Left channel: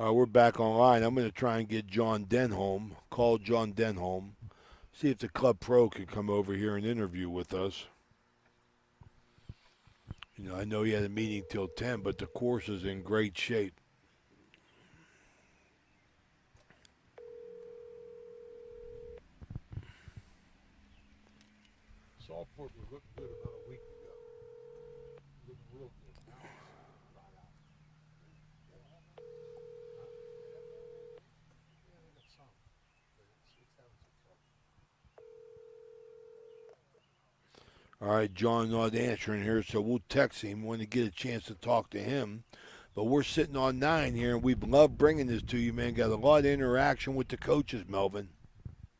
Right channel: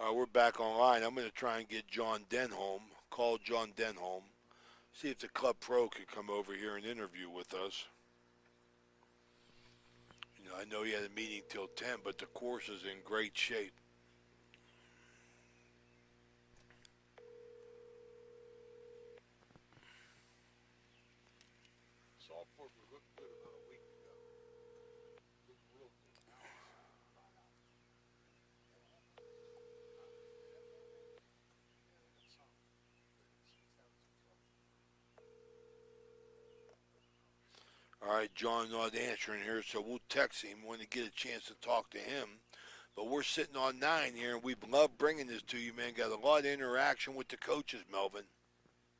We're back online. I'm going to try and get John Denholm. Call John Denholm. See if the Club Pro can come over here and interview with us. I know he had a meeting till 10, but the course is in great shape. Saltport was looking good about a week ago. Looking real good. It's some, but it's having some All right, John not answering here, so we'll text him when we get a chance to talk to him. But we're sitting on 9 here, and we've loved bringing this to you, man. Got a lot of interaction with the coaches, Melvin.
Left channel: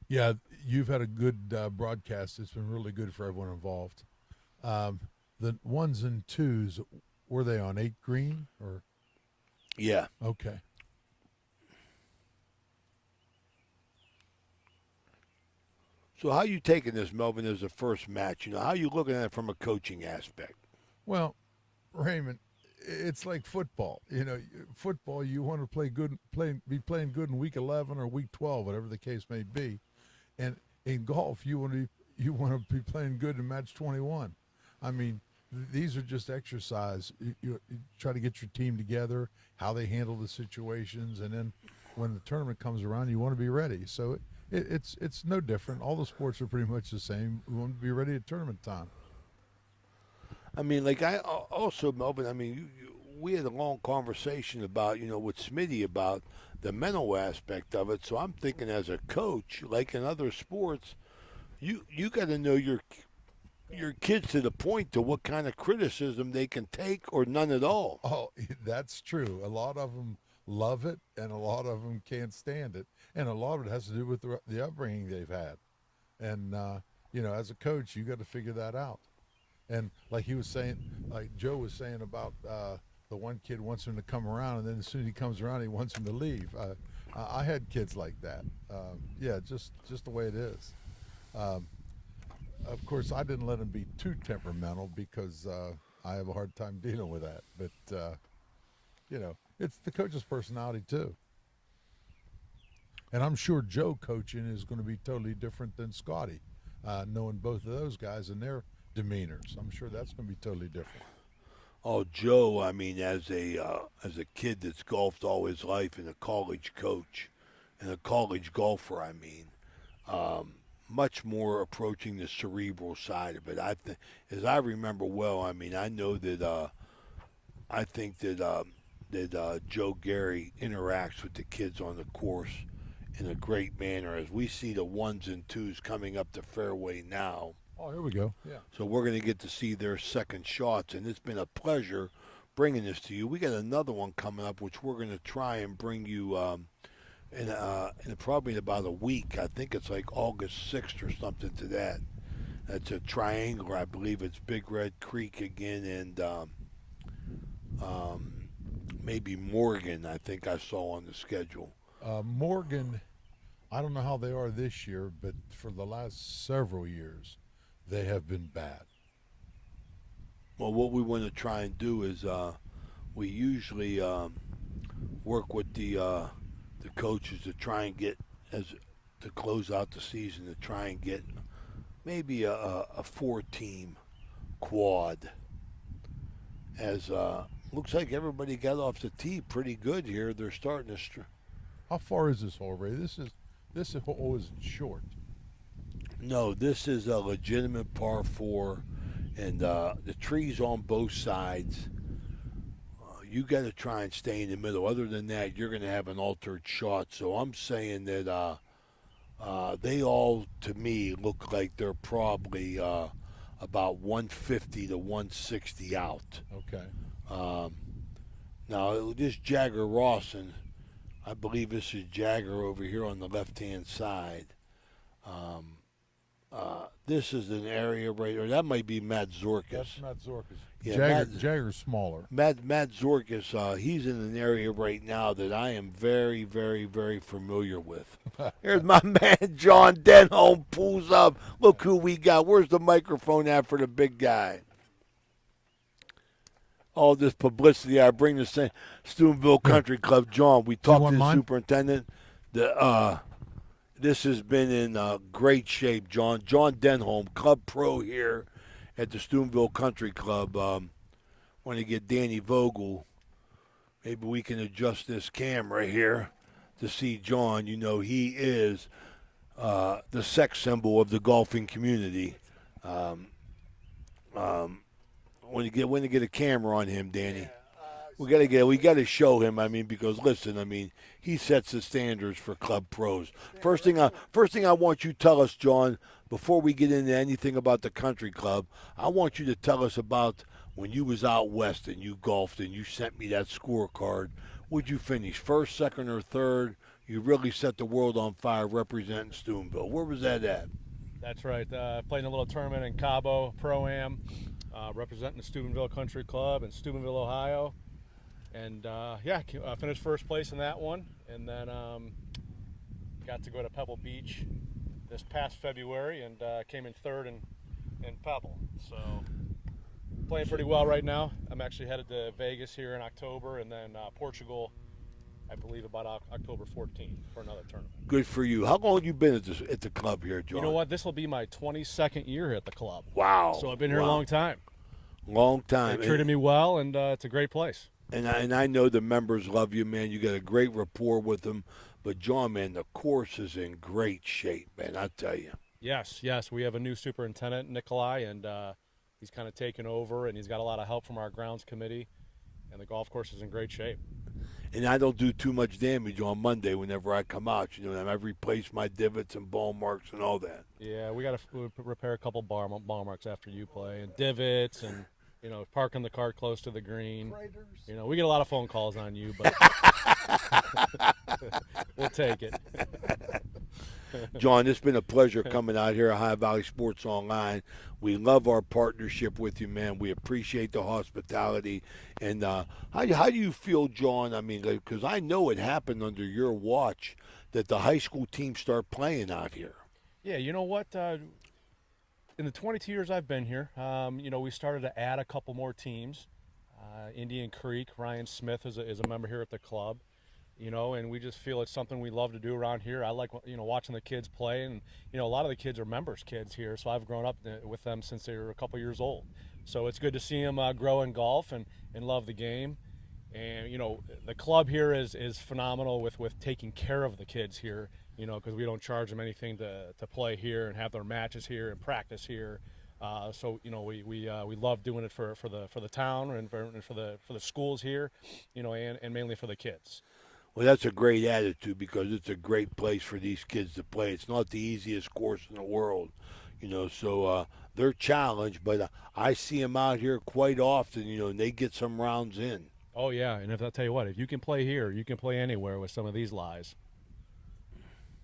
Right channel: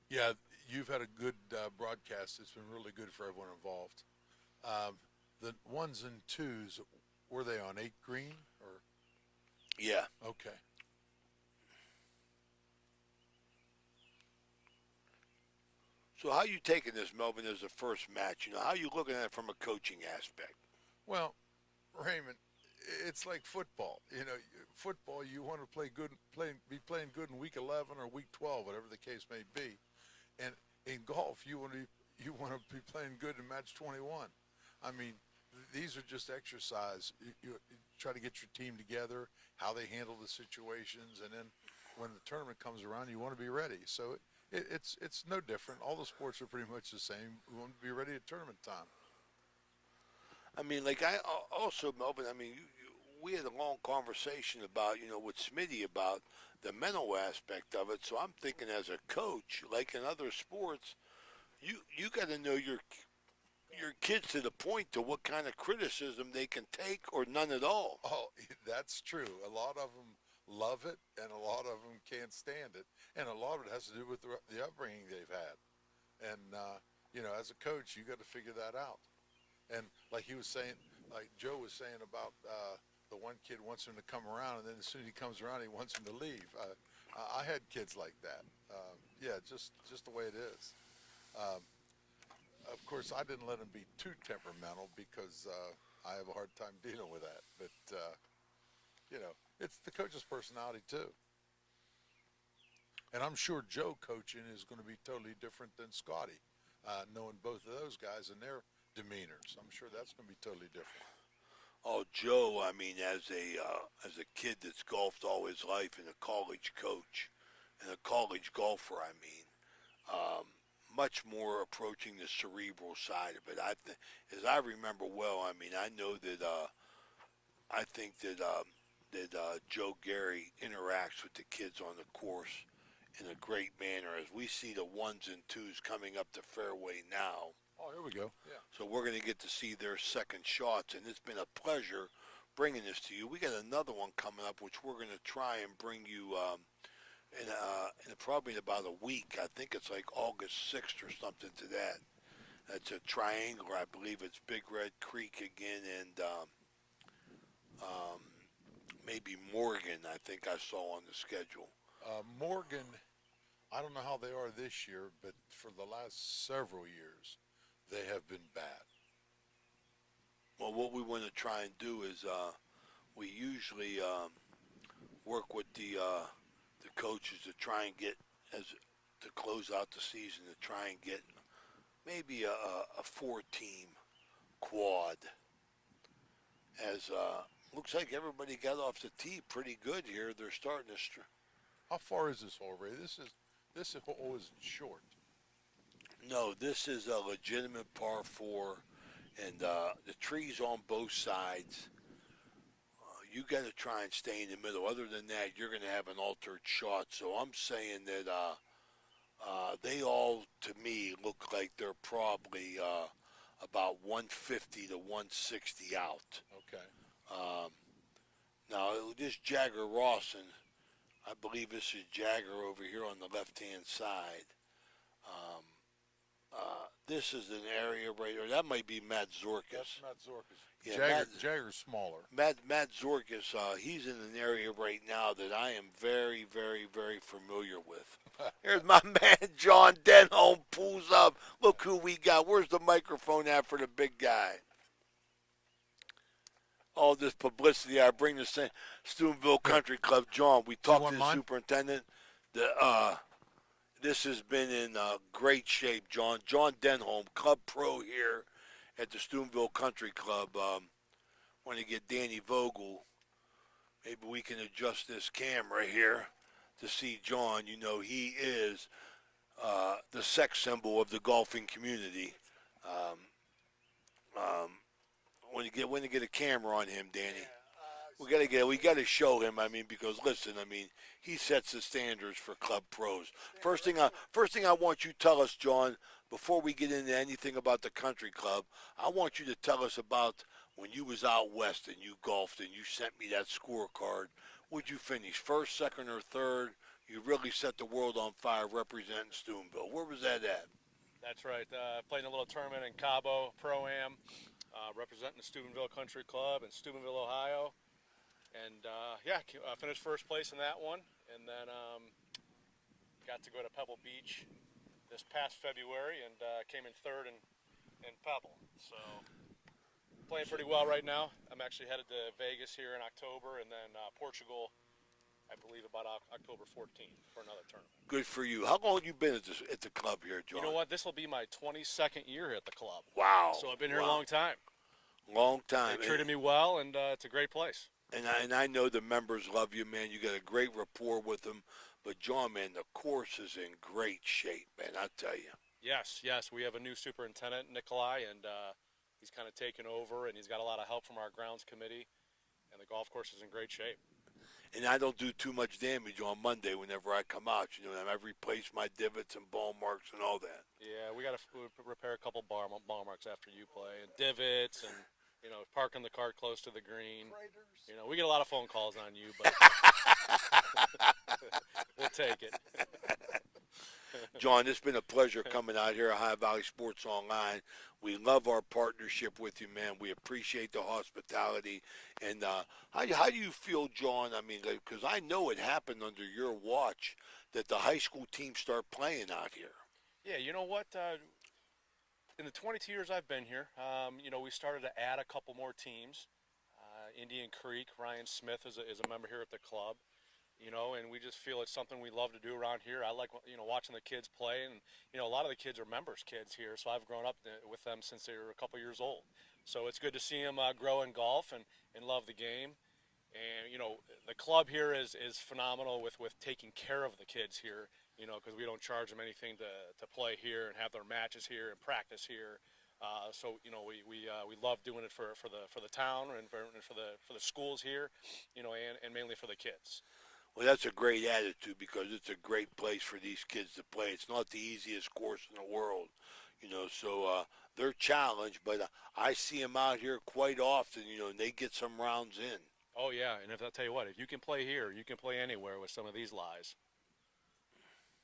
Yeah, you've had a good broadcast. It's been really good for everyone involved. The ones and twos, were they on 8 green or? Yeah. Okay. So how you taking this, Melvin, as the first match? How you looking at it from a coaching aspect? Well, Raymond, it's like football. Football, you want to be playing good in week 11 or week 12, whatever the case may be. And in golf, you want to be playing good in match 21. I mean, these are just exercise. You try to get your team together, how they handle the situations, and then when the tournament comes around, you want to be ready. So it's no different. All the sports are pretty much the same. We want to be ready at tournament time. I mean, like I also, Melvin. I mean, we had a long conversation about, with Smitty about the mental aspect of it. So I'm thinking, as a coach, like in other sports, you got to know your kids to the point to what kind of criticism they can take or none at all. Oh, that's true. A lot of them love it, and a lot of them can't stand it, and a lot of it has to do with the upbringing they've had. And as a coach, you got to figure that out. And like he was saying, like Joe was saying about the one kid wants him to come around, and then as soon as he comes around, he wants him to leave. I had kids like that. Yeah, just the way it is. Of course, I didn't let him be too temperamental because I have a hard time dealing with that. But it's the coach's personality too. And I'm sure Joe coaching is going to be totally different than Scotty, knowing both of those guys and their demeanors. I'm sure that's going to be totally different. Oh, Joe, I mean, as a kid that's golfed all his life and a college coach and a college golfer, I mean, much more approaching the cerebral side of it. As I remember well, I mean, I know that I think that Joe Gary interacts with the kids on the course in a great manner. As we see the ones and twos coming up the fairway now, Oh, here we go. Yeah. so we're going to get to see their second shots, and it's been a pleasure bringing this to you. We got another one coming up, which we're going to try and bring you in probably about a week. I think it's like August 6th or something to that. That's a triangular. I believe it's Big Red Creek again, and um, maybe Morgan. I think I saw on the schedule. Morgan, I don't know how they are this year, but for the last several years, they have been bad. Well, what we want to try and do is we usually work with the coaches to try and get as to close out the season to try and get maybe a 4-team quad. As looks like everybody got off the tee pretty good here. They're starting to. How far is this hole, Ray? This hole is short. No, this is a legitimate par 4, and the trees on both sides. You got to try and stay in the middle. Other than that, you're going to have an altered shot. So I'm saying that they all, to me, look like they're probably about 150 to 160 out. Okay. Um, Now, this Jagger Rawson, I believe this is Jagger over here on the left-hand side. Um, this is an area right, or that might be Matt Zorkis. That's Matt Zorkis. Yeah, Jagger's smaller. Matt Zorkis, he's in an area right now that I am very, very, very familiar with. Here's my man John Denholm pulls up. Look who we got. Where's the microphone at for the big guy? all this publicity. I bring the Steubenville Here, Country Club, John. We do you talked want to the mine? superintendent. This has been in great shape, John. John Denholm, Club Pro here at the Steubenville Country Club. Want to get Danny Vogel. Maybe we can adjust this camera here to see John. You know, he is the sex symbol of the golfing community. Um, when to get a camera on him, Danny. We got to show him. I mean, because listen, I mean, he sets the standards for club pros. First thing I want you to tell us, John, before we get into anything about the country club, I want you to tell us about when you was out west and you golfed and you sent me that scorecard. Would you finish first, second, or third? You really set the world on fire representing Steubenville. Where was that at? That's right. Playing a little tournament in Cabo Pro-Am, representing the Steubenville Country Club in Steubenville, Ohio. And finished first place in that one, and then got to go to Pebble Beach this past February and came in third in Pebble. So playing pretty well right now. I'm actually headed to Vegas here in October, and then Portugal, I believe, about October 14th for another tournament. Good for you. How long have you been at the club here, John? You know what? This will be my 22nd year at the club. Wow. So I've been here a long time. Long time. They treated me well, and it's a great place. And I know the members love you, man. You got a great rapport with them. But, John, man, the course is in great shape, man, I tell you. Yes. We have a new superintendent, Nikolai, and he's kind of taken over, and he's got a lot of help from our grounds committee, and the golf course is in great shape. And I don't do too much damage on Monday whenever I come out. You know, I've replaced my divots and ball marks and all that. Yeah, we got to repair a couple ball marks after you play, and divots, and parking the car close to the green. We get a lot of phone calls on you, but we'll take it. John, it's been a pleasure coming out here at High Valley Sports Online. We love our partnership with you, man. We appreciate the hospitality. And how do you feel, John? I mean, because I know it happened under your watch that the high school teams start playing out here. Yeah, you know what? In the 22 years I've been here, we started to add a couple more teams. Indian Creek, Ryan Smith is a member here at the club, and we just feel it's something we love to do around here. I like, watching the kids play, and, a lot of the kids are members' kids here, so I've grown up with them since they were a couple years old. So it's good to see them grow in golf and love the game. And, the club here is phenomenal with taking care of the kids here, because we don't charge them anything to play here and have their matches here and practice here. We love doing it for the town and for the schools here, and mainly for the kids. Well, that's a great attitude because it's a great place for these kids to play. It's not the easiest course in the world, so they're challenged, but I see them out here quite often, and they get some rounds in. Oh, yeah, and I'll tell you what, if you can play here, you can play anywhere with some of these lies.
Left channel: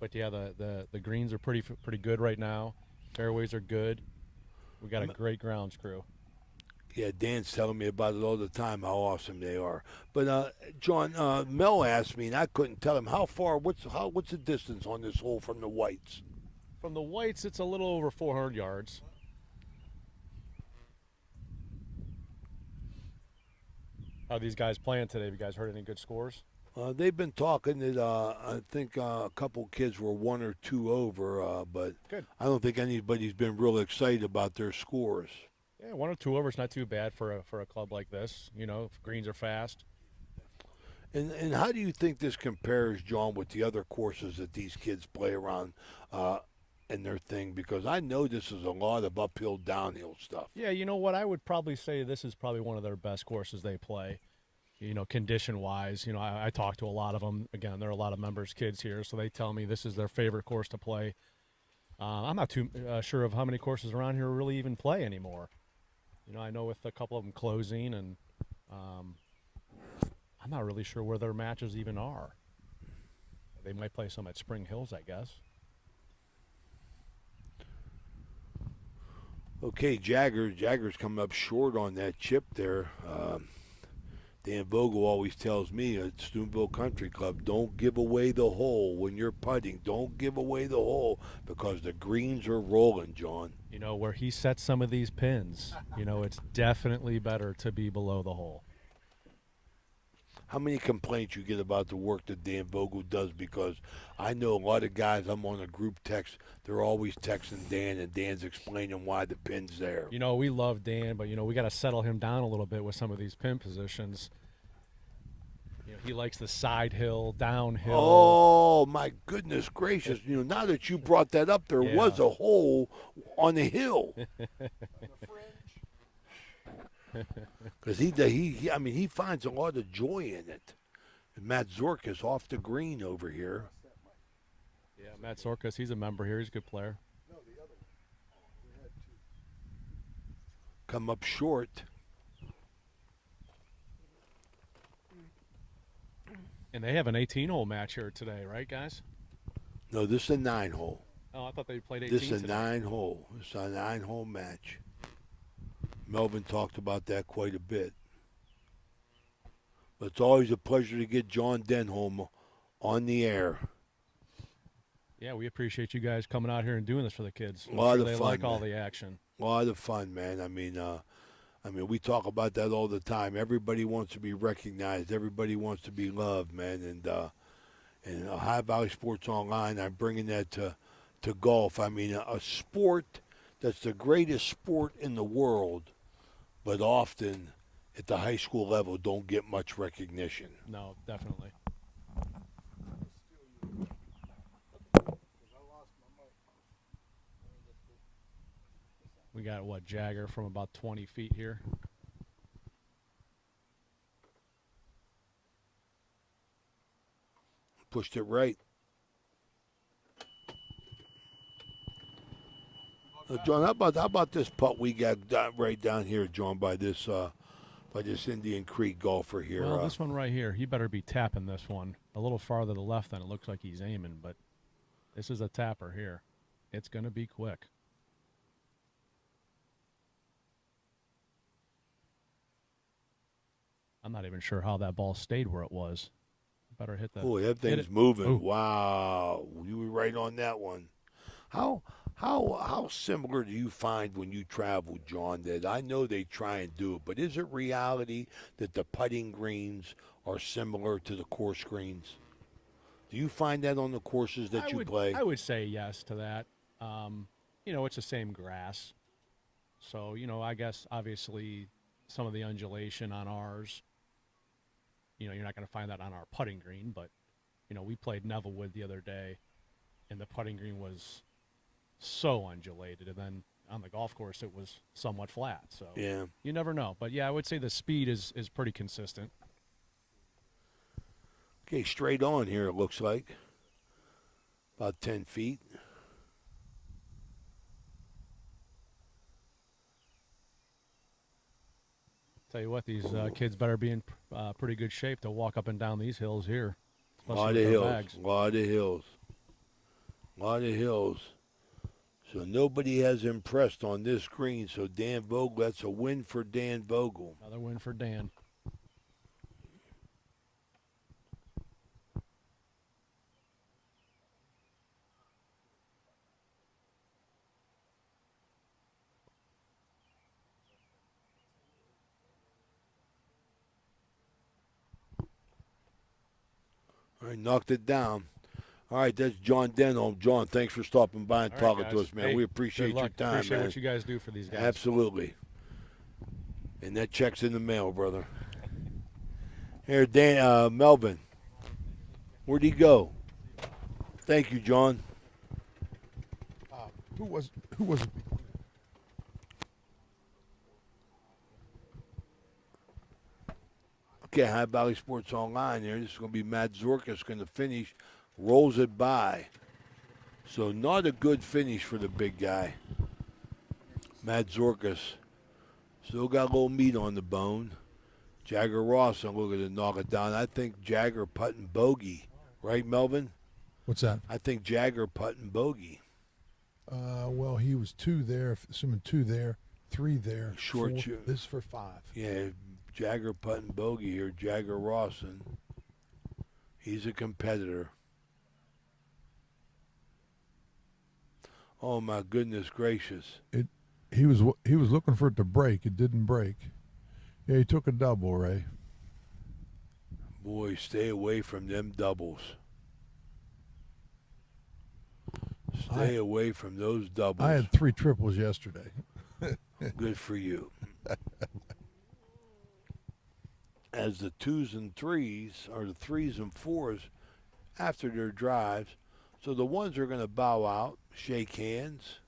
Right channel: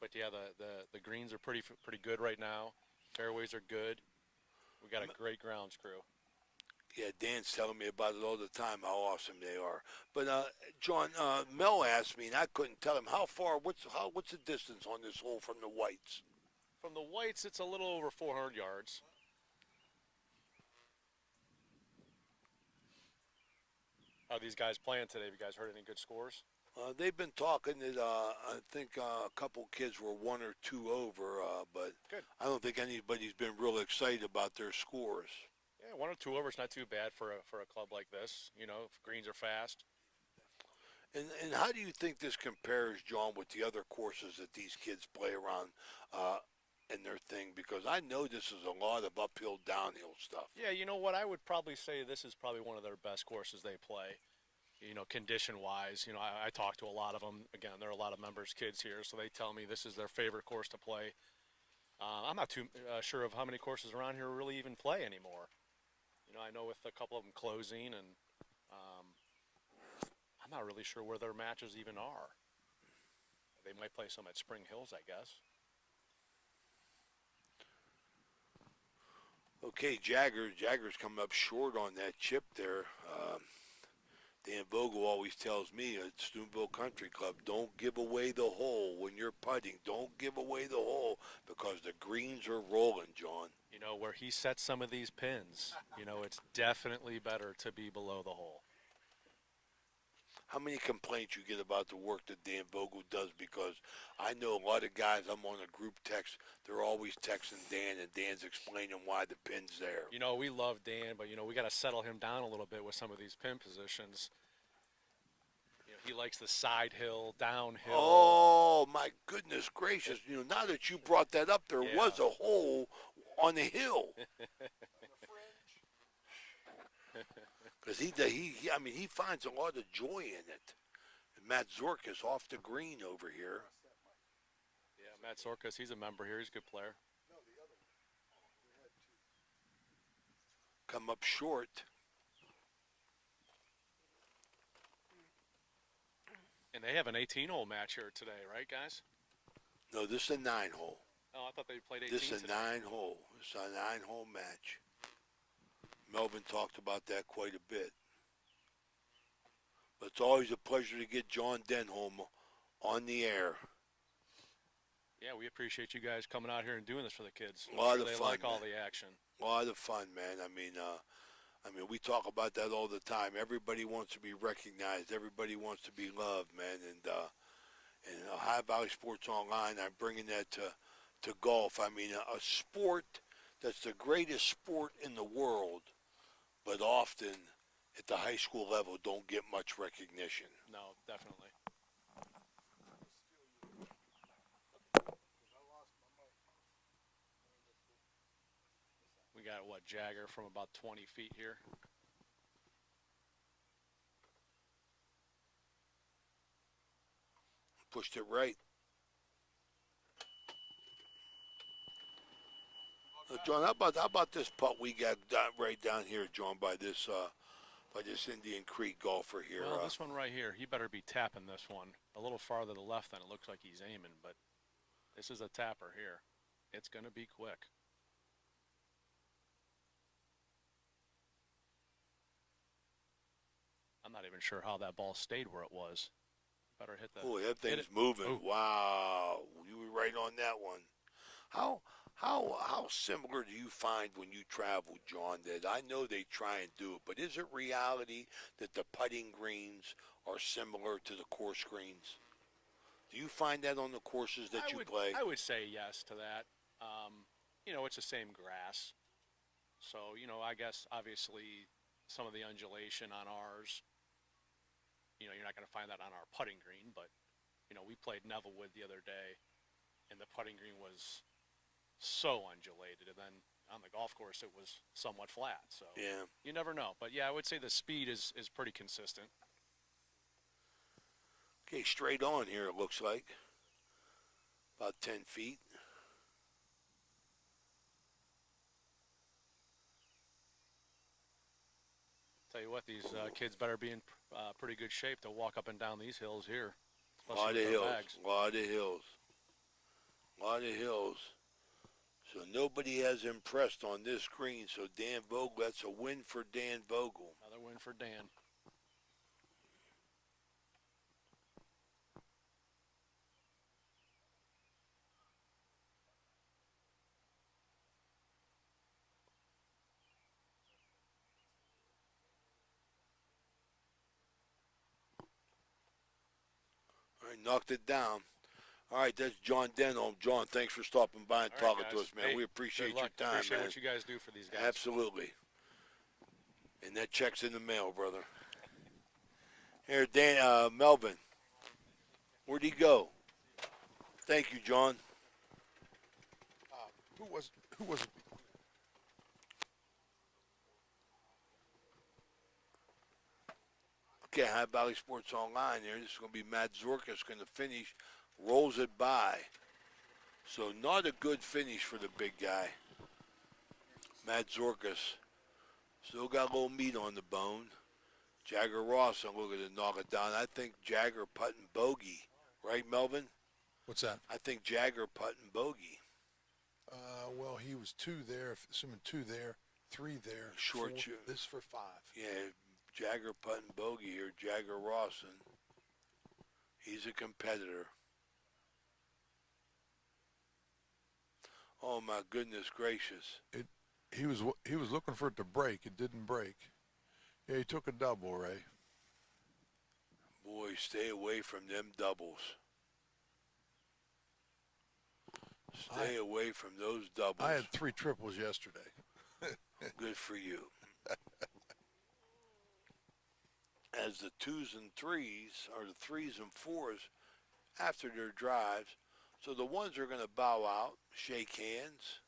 But, yeah, the greens are pretty good right now. Fairways are good. We got a great grounds crew. Yeah, Dan's telling me about it all the time, how awesome they are. But John, Mel asked me, and I couldn't tell him how far. What's the distance on this hole from the whites? From the whites, it's a little over 400 yards. How are these guys playing today? Have you guys heard any good scores? They've been talking that I think a couple kids were 1 or 2 over, but good. I don't think anybody's been real excited about their scores. Yeah, 1 or 2 over is not too bad for a club like this. If greens are fast. And how do you think this compares, John, with the other courses that these kids play around in their thing? Because I know this is a lot of uphill, downhill stuff. Yeah, you know what? I would probably say this is probably one of their best courses they play. Condition-wise, I talk to a lot of them. Again, there are a lot of members' kids here, so they tell me this is their favorite course to play. I'm not too sure of how many courses around here really even play anymore. I know with a couple of them closing, and I'm not really sure where their matches even are. They might play some at Spring Hills, I guess. Okay, Jagger's coming up short on that chip there. Dan Vogel always tells me at Steubenville Country Club, don't give away the hole when you're putting. Don't give away the hole because the greens are rolling, John. You know, where he sets some of these pins, you know, it's definitely better to be below the hole. How many complaints you get about the work that Dan Vogel does? Because I know a lot of guys, I'm on a group text, they're always texting Dan, and Dan's explaining why the pin's there. You know, we love Dan, but, you know, we got to settle him down a little bit with some of these pin positions. You know, he likes the side hill, downhill. Oh, my goodness gracious. You know, now that you brought that up, there Yeah. was a hole on the hill. Because he finds a lot of joy in it. And Matt Zorkas off the green over here. Yeah, Matt Sorkas, he's a member here. He's a good player. Come up short. And they have an 18-hole match here today, right, guys? No, this is a 9-hole. Oh, I thought they played 18 This is a today. 9-hole. It's a 9-hole match. Melvin talked about that quite a bit. But it's always a pleasure to get John Denholm on the air. Yeah, we appreciate you guys coming out here and doing this for the kids. I'm A lot sure of they fun, like all man. the action. A lot of fun, man. I mean, we talk about that all the time. Everybody wants to be recognized. Everybody wants to be loved, man. And High Valley Sports Online, I'm bringing that to golf. I mean, a sport that's the greatest sport in the world, but often at the high school level don't get much recognition. No, definitely. We got, Jagger from about 20 feet here. Pushed it right. John, how about this putt we got right down here, John, by this Indian Creek golfer here? Well, this one right here, he better be tapping this one a little farther to the left than it looks like he's aiming, but this is a tapper here. It's going to be quick. I'm not even sure how that ball stayed where it was. Better hit that. Oh, that hit thing's it. moving. Ooh. Wow, you were right on that one. How similar do you find when you travel, John? That I know they try and do it, but is it reality that the putting greens are similar to the course greens? Do you find that on the courses that you play? I would say yes to that. You know, it's the same grass. So, you know, I guess obviously some of the undulation on ours, you know, you're not going to find that on our putting green, but, you know, we played Nevillewood the other day, and the putting green was so undulated, and then on the golf course it was somewhat flat. So Yeah. you never know. But, yeah, I would say the speed is pretty consistent. Okay, straight on here, it looks like. About 10 feet. Tell you what, these kids better be in pretty good shape to walk up and down these hills here. A especially lot with of their hills. bags. A lot of hills. A lot of hills. So nobody has impressed on this green. So Dan Vogel, that's a win for Dan Vogel. Another win for Dan. All right, knocked it down. All right, that's John Denholm. John, thanks for stopping by and All right, talking to guys. us, man. Hey, We appreciate good your luck. time, Appreciate man. what you guys do for these guys. Absolutely. And that check's in the mail, brother. Here, Dan, Melvin. Where'd he go? Thank you, John. Who was Okay, High Valley Sports Online here. This is going to be Matt Zorkas going to finish. Rolls it by. So not a good finish for the big guy. Matt Zorkas. Still got a little meat on the bone. Jagger Ross, I'm looking to knock it down. I think Jagger putting bogey. Right, Melvin? what's that? I think Jagger putting bogey. Well, he was 2 there, assuming 2 there, 3 there. Short 4. shoot. This is for 5. Yeah, Jagger putting bogey here. Jagger Rawson. He's a competitor. Oh my goodness gracious! He was looking for it to break. It didn't break. Yeah, he took a double, Ray. Boy, stay away from them doubles. Stay away from those doubles. I had 3 triples yesterday. Good for you. As the 2s and 3s, or the 3s and 4s, after their drives, so the 1s are going to bow out, shake hands.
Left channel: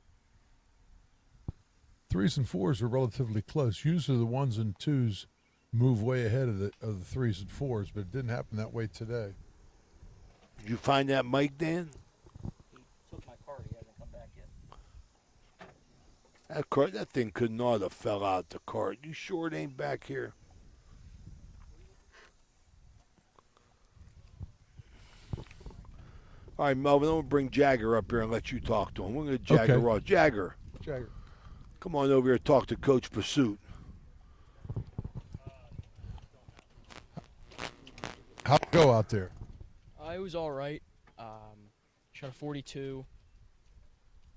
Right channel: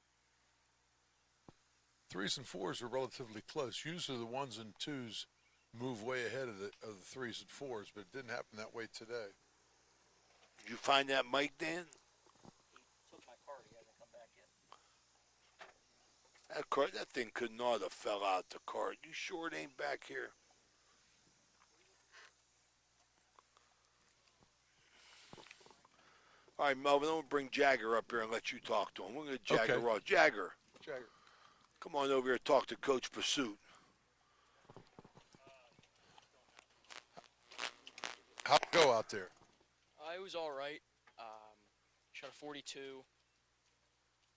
3s and 4s are relatively close. Usually the 1s and 2s move way ahead of the 3s and 4s, but it didn't happen that way today. Did you find that mic, Dan? He took my card. He hasn't come back yet. That thing could not have fell out the cart. You sure it ain't back here? All right, Melvin, I'm going to bring Jagger up here and let you talk to him. We're going to Jagger Okay. Ross. Jagger, come on over here and talk to Coach Pursuit. How'd it go out there? It was all right. Shot a 42.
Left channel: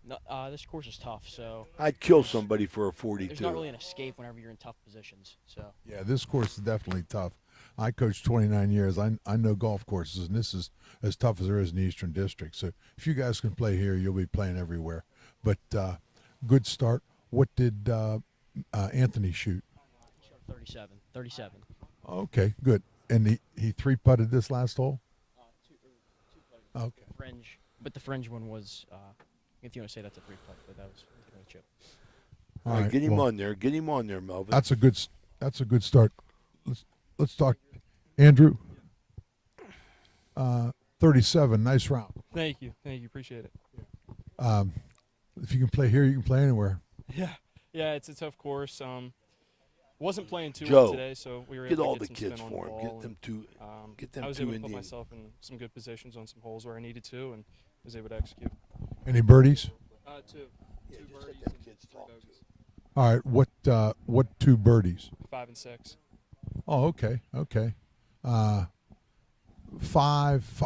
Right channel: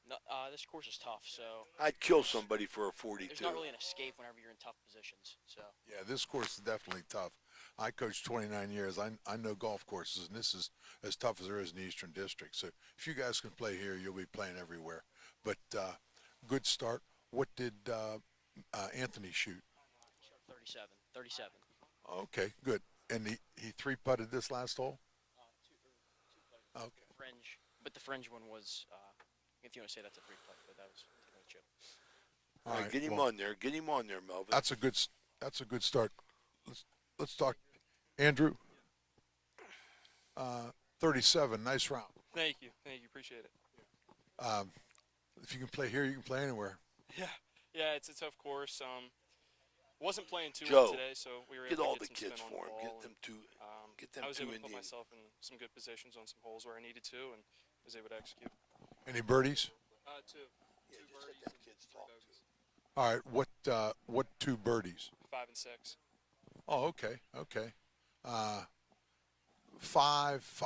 No, this course is tough, so I'd kill somebody for a 42. there's not really an escape whenever you're in tough positions. So Yeah, this course is definitely tough. I coached 29 years. I know golf courses, and this is as tough as there is in the Eastern District. So if you guys can play here, you'll be playing everywhere. But good start. What did Anthony shoot? he shot 37. 37. Okay, good. And he 3-putted this last hole? Two putted. Okay. Fringe, but the fringe one was, if you want to say that's a 3-putt, but that was a chip. All right, get him on there. Get him on there, Melvin. That's a good start. Let's talk. Andrew, 37, nice round. Thank you. Appreciate it. If you can play here, you can play anywhere. Yeah, it's a tough course. Wasn't playing too Joe, well today, so we were get able all to the get some kids spin on for the him. ball. Get them two. Get them I was two able to put Indian. myself in some good positions on some holes where I needed to, and was able to execute. Any birdies? Two just let birdies them and kids 3 talk. bogeys. All right. What 2 birdies? 5 and 6. Oh, okay. 5.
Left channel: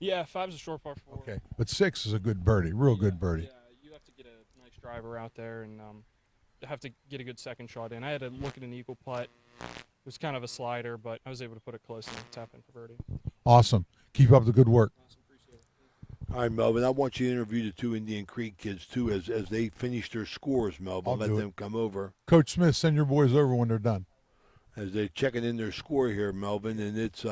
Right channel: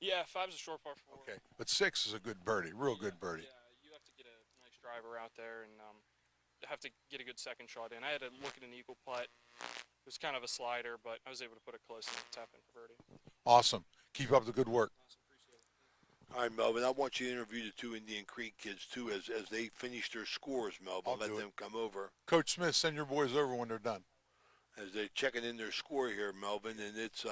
Yeah, 5's a short par 4. Okay, but 6 is a good birdie, real good birdie. Yeah, you have to get a nice driver out there and have to get a good second shot in. I had to look at an eagle putt. It was kind of a slider, but I was able to put it close and tap in for birdie. Awesome. Keep up the good work. Awesome, appreciate it. All right, Melvin, I want you to interview the 2 Indian Creek kids, too, as they finish their scores, Melvin. I'll Let do it. them come over. Coach Smith, send your boys over when they're done. As they're checking in their score here, Melvin, and it's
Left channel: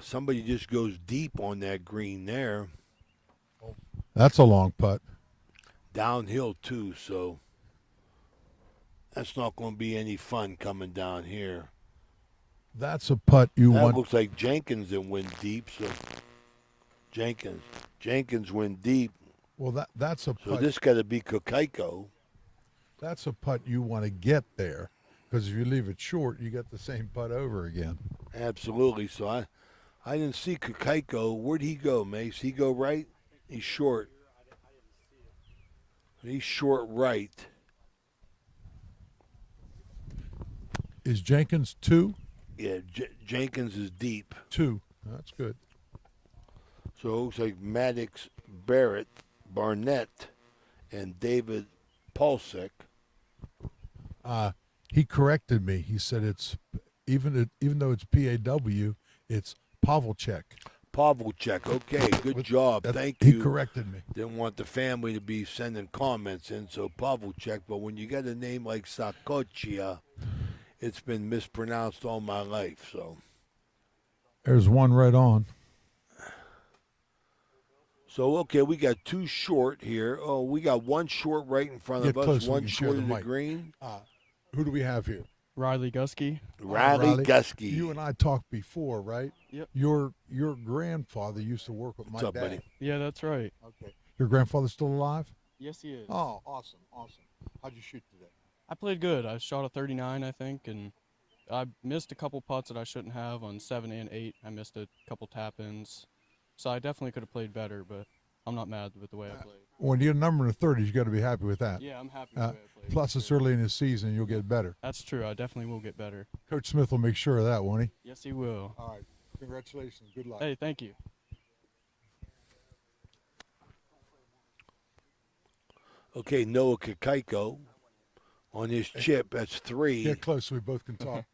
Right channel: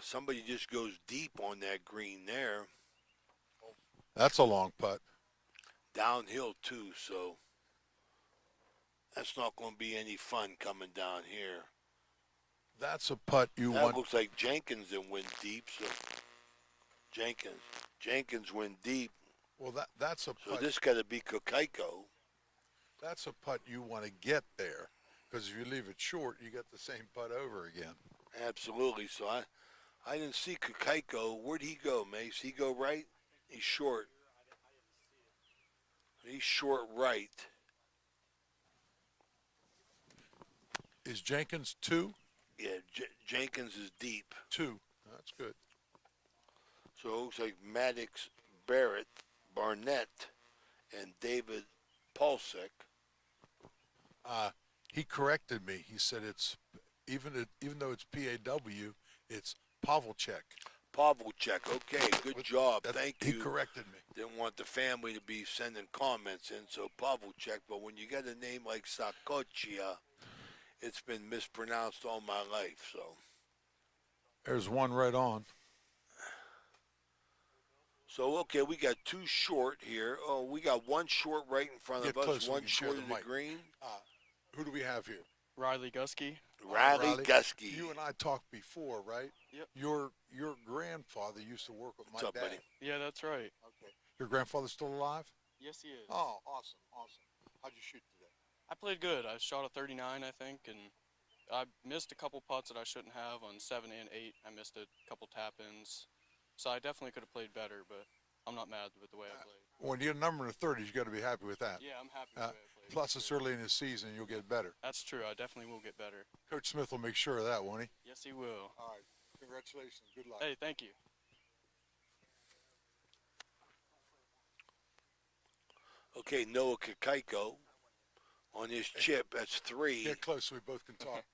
somebody just goes deep on that green there. That's a long putt. Downhill, too, so that's not going to be any fun coming down here. That's a putt you That want. looks like Jenkins that went deep, so Jenkins went deep, Well, that's a so putt. this got to be Kokaiko. That's a putt you want to get there, because if you leave it short, you get the same putt over again. Absolutely, so I didn't see Kokaiko. Where'd he go, Mace? He go right? He's short. He's short right. Is Jenkins 2? Yeah, Jenkins is deep. 2. That's good. So it looks like Maddox, Barnett, and David Polsek. He corrected me. He said it's even though it's PAW, it's Pavlicek. Pavlicek. Okay, good job. Thank He you. corrected me. Didn't want the family to be sending comments in, so Pavlicek. But when you got a name like Sakochia, it's been mispronounced all my life. So There's one right on. okay, we got 2 short here. Oh, we got 1 short right in front Get of us, close so we 1 can share short the of the mic. green. Who do we have here? Riley Gusky. Riley Gusky. You and I talked before, right? Yep. Your grandfather used to work with my What's up, dad. buddy? Yeah, that's right. Okay. Your grandfather's still alive? Yes, he is. Oh, awesome. How'd you shoot today? I played good. I shot a 39, I think, and I missed a couple putts that I shouldn't have on 7 and 8. I missed a couple tap-ins. So I definitely could have played better, but I'm not mad with the way I played. When you're a number in the 30s, you got to be happy with that. Yeah, I'm happy with the way I played. Plus, it's early in the season. You'll get better. That's true. I definitely will get better. Coach Smith will make sure of that, won't he? Yes, he will. All right. Congratulations. Good luck. Hey, thank you. Okay, Noah Kakaiko on his chip. That's 3. Get close so we both can talk.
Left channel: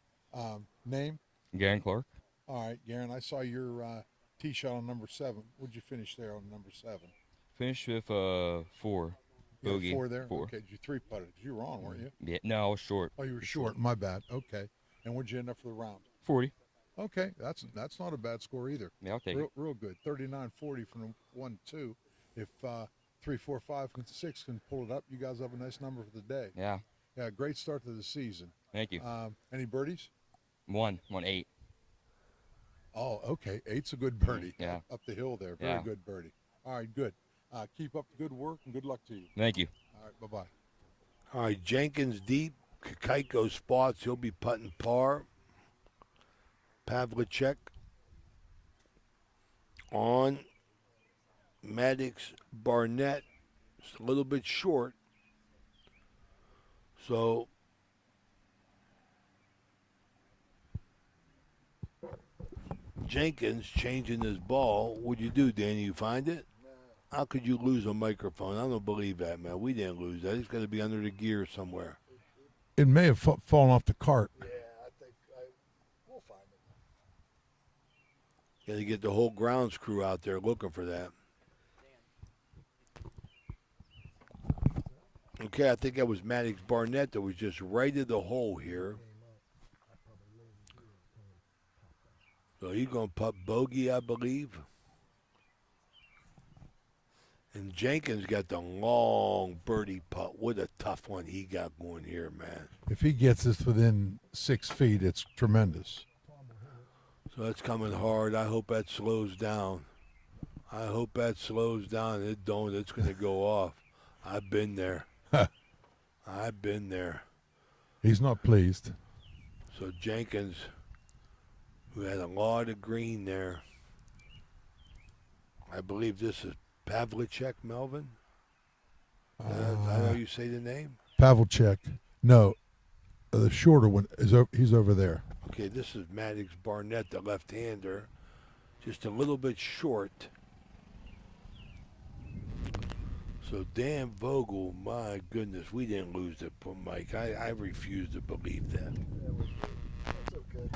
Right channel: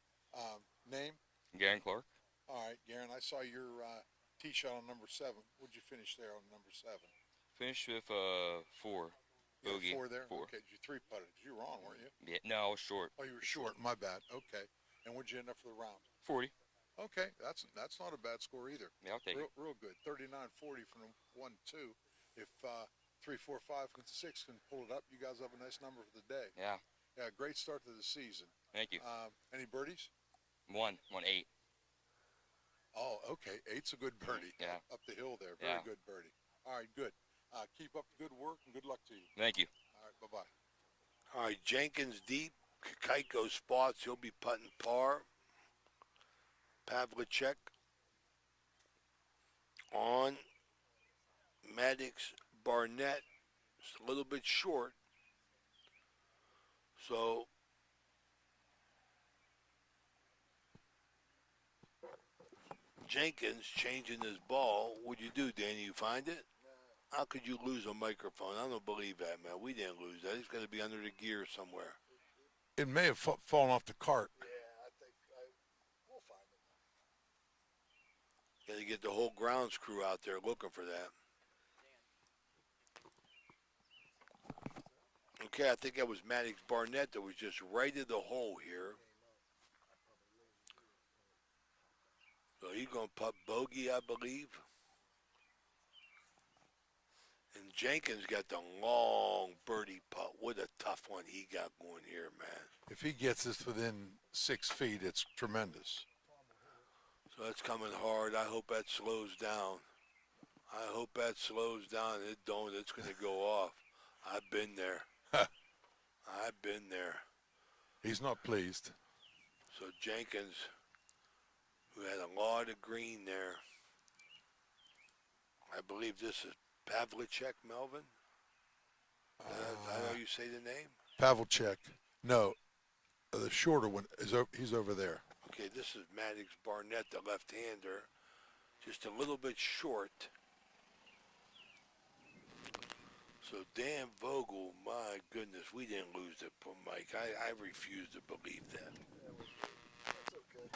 Name? Garen Clark. All right, Garen. I saw your tee shot on number 7. What'd you finish there on number 7? Finished with 4. You had Bogey. 4 there? 4. Okay, you 3-putted. You were on, weren't you? Yeah, no, I was short. Oh, you were short. My bad. Okay. And what'd you end up for the round? 40. Okay, that's not a bad score either. Yeah, I'll take Real, it. real good. 39-40 from 1-2. If 3, 4, 5, and 6 can pull it up, you guys have a nice number for the day. Yeah, Yeah, great start to the season. thank you. Any birdies? 1, 8. Oh, okay. 8's a good birdie. Yeah. Up the hill there. Very Yeah. good birdie. All right, good. Keep up the good work and good luck to you. Thank you. All right, bye-bye. All right, Jenkins deep. Kakaiko spots. He'll be putting par. Pavlicek on. Maddox Barnett. It's a little bit short. So Jenkins changing his ball. What'd you do, Danny? You find it? How could you lose a microphone? I don't believe that, man. We didn't lose that. He's got to be under the gear somewhere. It may have fallen off the cart. We'll find it. Got to get the whole grounds crew out there looking for that. Okay, I think that was Maddox Barnett that was just right in the hole here. So he's going to putt bogey, I believe. And Jenkins got the long birdie putt. What a tough one he got going here, man. If he gets this within 6 feet, it's tremendous. So that's coming hard. I hope that slows down. I hope that slows down. It don't. It's going to go off. I've been there. I've been there. He's not pleased. So Jenkins, who had a lot of green there. I believe this is Pavlicek, Melvin. I know you say the name. Pavlicek. No, the shorter one he's over there. Okay, this is Maddox Barnett, the left-hander. Just a little bit short. So Dan Vogel, my goodness, we didn't lose it, Mike. I refuse to believe that. That's okay.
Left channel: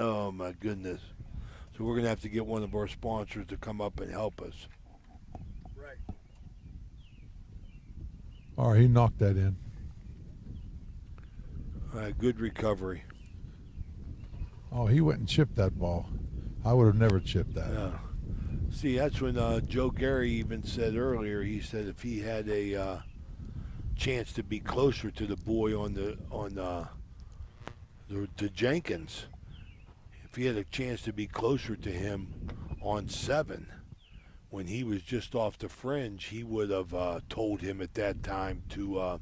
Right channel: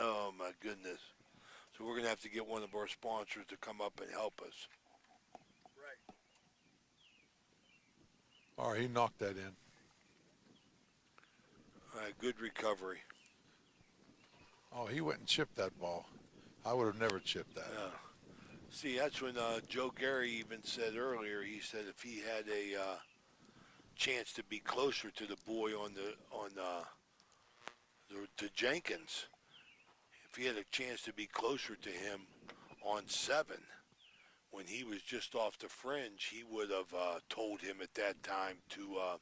Oh, my goodness. So we're going to have to get one of our sponsors to come up and help us. Right. All right, he knocked that in. All right, good recovery. Oh, he went and chipped that ball. I would have never chipped that. Yeah. See, that's when Joe Gary even said earlier. He said if he had a chance to be closer to the boy to Jenkins, if he had a chance to be closer to him on 7, when he was just off the fringe, he would have told him at that time to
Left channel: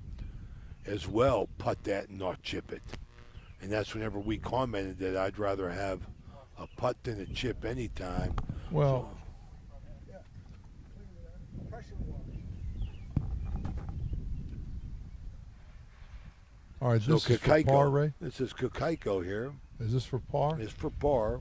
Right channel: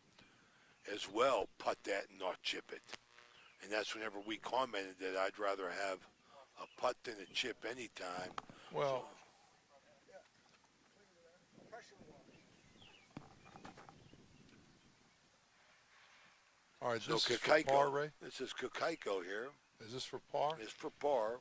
as well putt that and not chip it. And that's whenever we commented that I'd rather have a putt than a chip anytime. Well, all right, So this is for par, Ray? This is Kakaiko here. Is this for par? It's for par.